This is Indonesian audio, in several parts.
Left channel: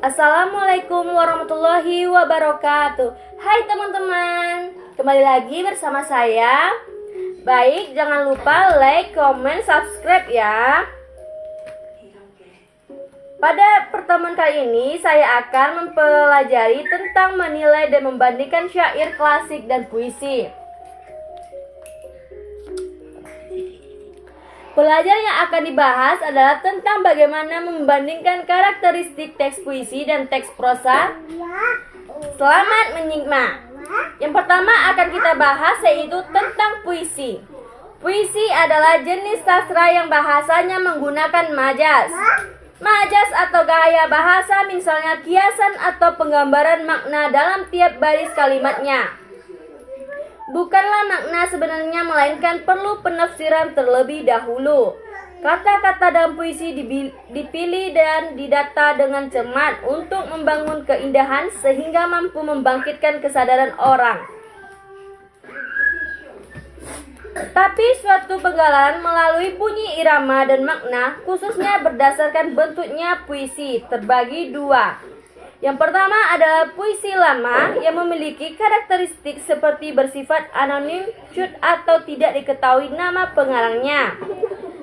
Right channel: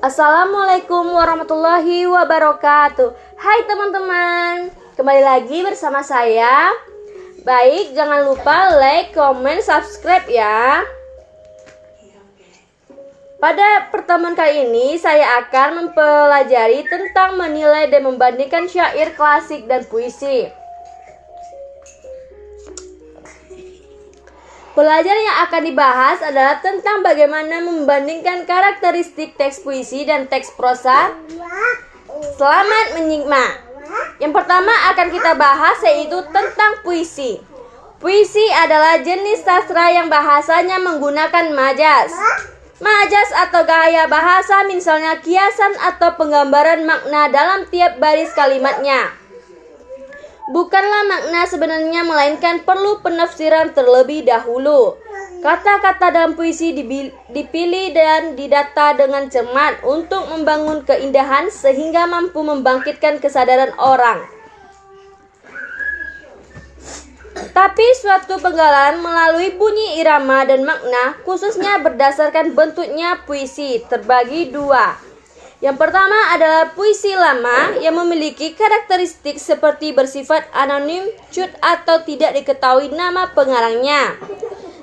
Assalamualaikum warahmatullahi wabarakatuh. Hai teman-teman, kembali lagi bersama saya. Baik, jangan lupa like, comment, subscribe ya. Pada pertemuan kali ini saya akan mempelajari tentang menilai dan membandingkan syair klasik dan puisi. Pelajaran yang akan dibahas adalah tentang bagaimana membandingkan karakteristik teks puisi dan teks prosa. Selamat menyimak. Yang pertama akan kita bahas yaitu tentang puisi. Puisi adalah jenis sastra yang bahasanya menggunakan majas. Majas atau gaya bahasa misalnya kiasan atau penggambaran makna dalam tiap baris kalimatnya. Bukanlah makna sebenarnya, melainkan perlu penafsiran terlebih dahulu. Kata-kata dalam puisi dipilih dan didata dengan cermat untuk membangun keindahan sehingga mampu membangkitkan kesadaran orang. Tapi suatu penggalan melalui bunyi irama dan makna, khususnya berdasarkan bentuknya puisi, terbagi dua. Yang pertama adalah puisi lama yang memiliki karakteristik seperti bersifat anonim, cut atau tidak diketahui nama pengarangnya.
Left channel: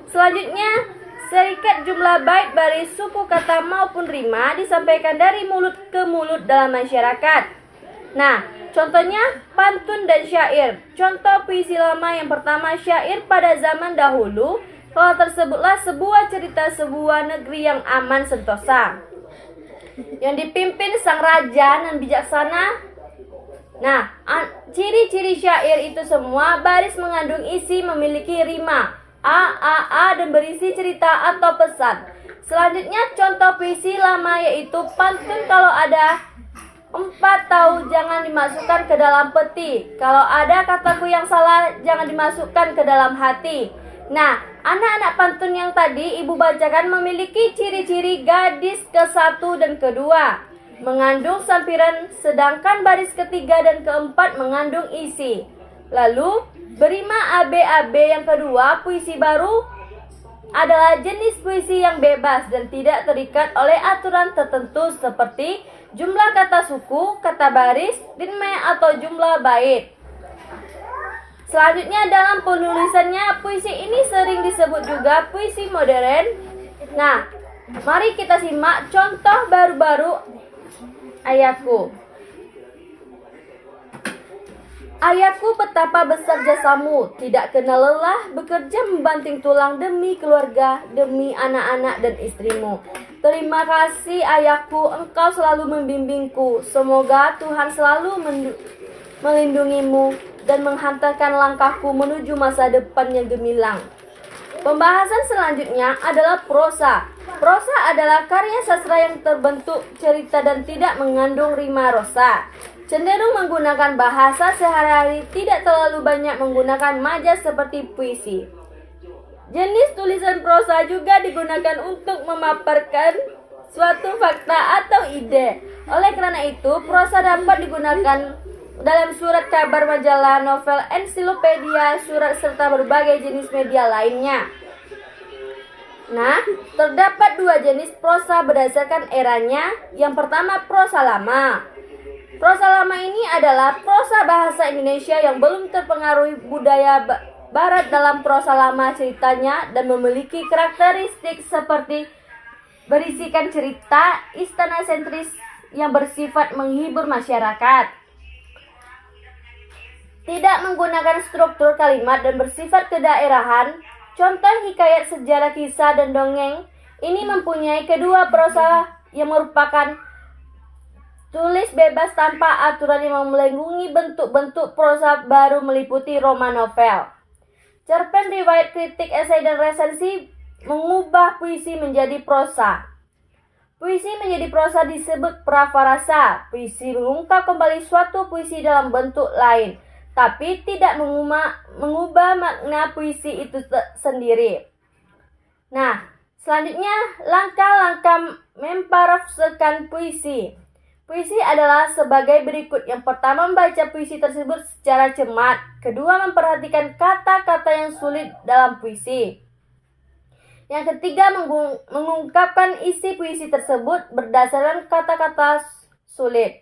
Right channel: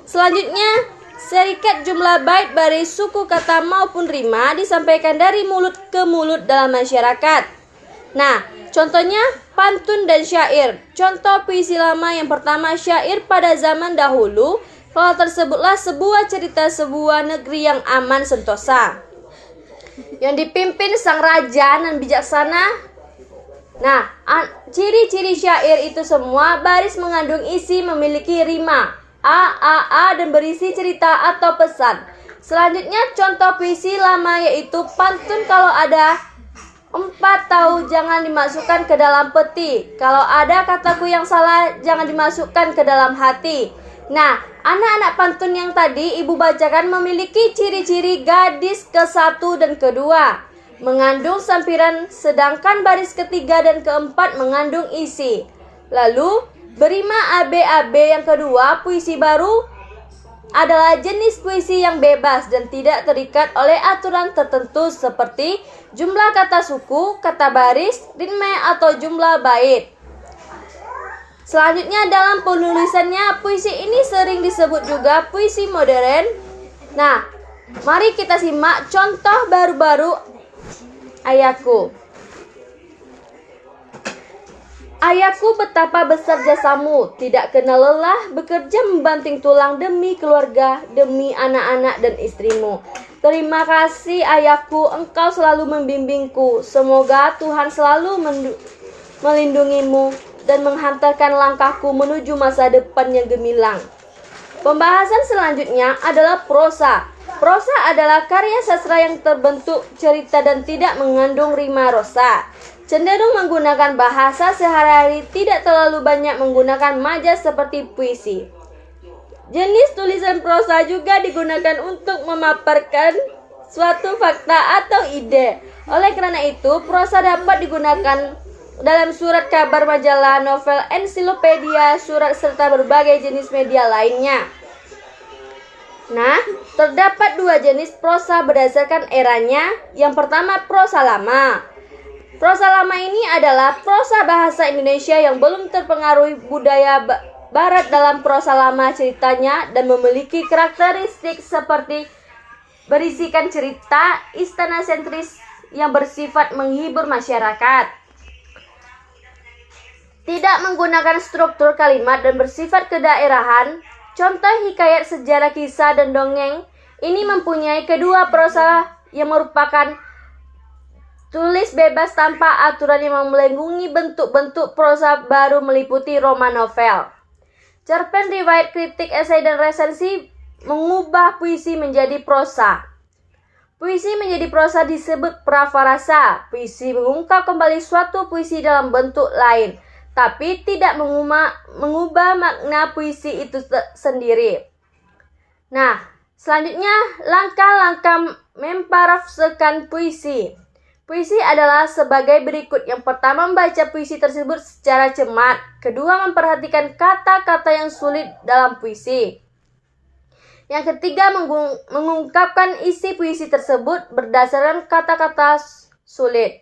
Selanjutnya, serikat jumlah bait baris suku kata maupun rima disampaikan dari mulut ke mulut dalam masyarakat. Nah, contohnya pantun dan syair. Contoh puisi lama yang pertama, syair pada zaman dahulu. Kalau tersebutlah sebuah cerita sebuah negeri yang aman sentosa, yang dipimpin sang raja dan bijaksana. Nah, ciri-ciri syair itu semua baris mengandung isi, memiliki rima a dan berisi cerita atau pesan. Selanjutnya contoh puisi lama yaitu pantun. Kalau ada 4 tahu jangan dimasukkan ke dalam peti. Kalau ada kataku yang salah jangan dimasukkan ke dalam hati. Nah, anak-anak pantun yang tadi ibu bacakan memiliki ciri-ciri gadis ke-1 dan ke-2 mengandung sampiran, sedangkan baris ketiga dan keempat mengandung isi. Lalu berima AB yang kedua, puisi baru adalah jenis puisi yang bebas dan tidak terikat oleh aturan tertentu seperti jumlah kata suku, kata baris, ritme atau jumlah bait. Selanjutnya dalam penulisannya, puisi ini sering disebut juga puisi modern. Nah, mari kita simak contoh baru-baru Ayahku. Ayahku, betapa besar jasamu, tidak kenal lelah bekerja membanting tulang demi keluarga, demi anak-anak dan istrimu. Terima kasih ayahku, engkau selalu membimbingku. Semoga Tuhan selalu melindungimu dan menghantarkan langkahku menuju masa depan yang gemilang. Pembahasan selanjutnya adalah prosa. Prosa adalah karya sastra yang terbentuk cerita dan tidak mengandung rima rosa. Cenderung menggunakan bahasa sehari-hari, tidak terlalu banyak menggunakan majas seperti puisi. Jenis tulisan prosa juga digunakan untuk memaparkan suatu fakta atau ide. Oleh karena itu, prosa dapat digunakan dalam surat kabar, majalah, novel, ensiklopedia, surat, serta berbagai jenis media lainnya. Nah, terdapat 2 jenis prosa berdasarkan eranya. Yang pertama, prosa lama. Prosa lama ini adalah prosa bahasa Indonesia yang belum terpengaruh budaya barat. Dalam prosa lama ceritanya dan memiliki karakteristik seperti berisikan cerita istana sentris yang bersifat menghibur masyarakat, tidak menggunakan struktur kalimat dan bersifat kedaerahan. Contoh hikayat, sejarah, kisah, dan dongeng ini mempunyai kedua prosa yang merupakan tulis bebas tanpa aturan yang melengkungi bentuk-bentuk prosa baru meliputi roman, novel, cerpen, riwayat, kritik, esai, dan resensi. Mengubah puisi menjadi prosa. Puisi menjadi prosa disebut prafarasa. Puisi mengungkap kembali suatu puisi dalam bentuk lain, tapi tidak mengubah makna puisi itu sendiri. Nah, selanjutnya langkah-langkah memparafrasekan puisi. Puisi adalah sebagai berikut. Yang pertama, membaca puisi tersebut secara cermat. Kedua, memperhatikan kata-kata yang sulit dalam puisi. Yang ketiga, mengungkapkan isi puisi tersebut berdasarkan kata-kata sulit.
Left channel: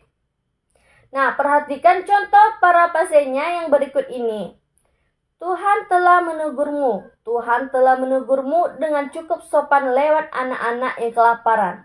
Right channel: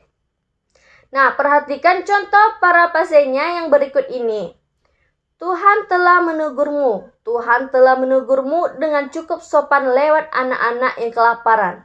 Nah, perhatikan contoh parafrasenya yang berikut ini. Tuhan telah menegurmu. Tuhan telah menegurmu dengan cukup sopan lewat anak-anak yang kelaparan.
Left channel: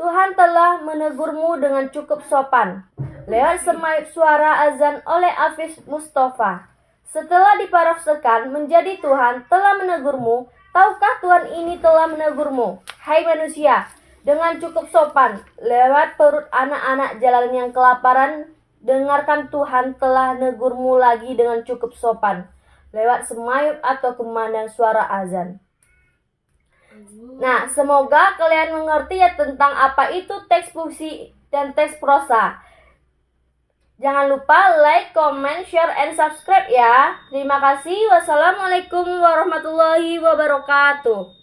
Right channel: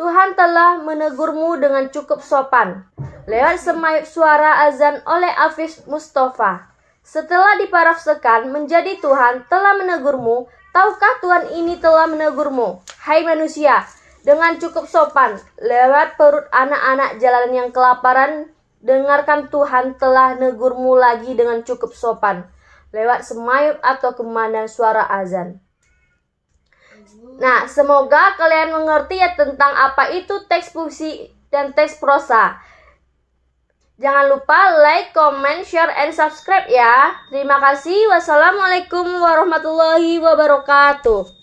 Tuhan telah menegurmu dengan cukup sopan lewat semayup suara azan oleh Afif Mustafa. Setelah diparafrasekan menjadi Tuhan telah menegurmu, tahukah Tuhan ini telah menegurmu, hai manusia, dengan cukup sopan lewat perut anak-anak jalanan yang kelaparan. Dengarkan, Tuhan telah negurmu lagi dengan cukup sopan lewat semayup atau kemana suara azan. Nah, semoga kalian mengerti ya tentang apa itu teks puisi dan teks prosa. Jangan lupa like, comment, share, and subscribe ya. Terima kasih. Wassalamualaikum warahmatullahi wabarakatuh.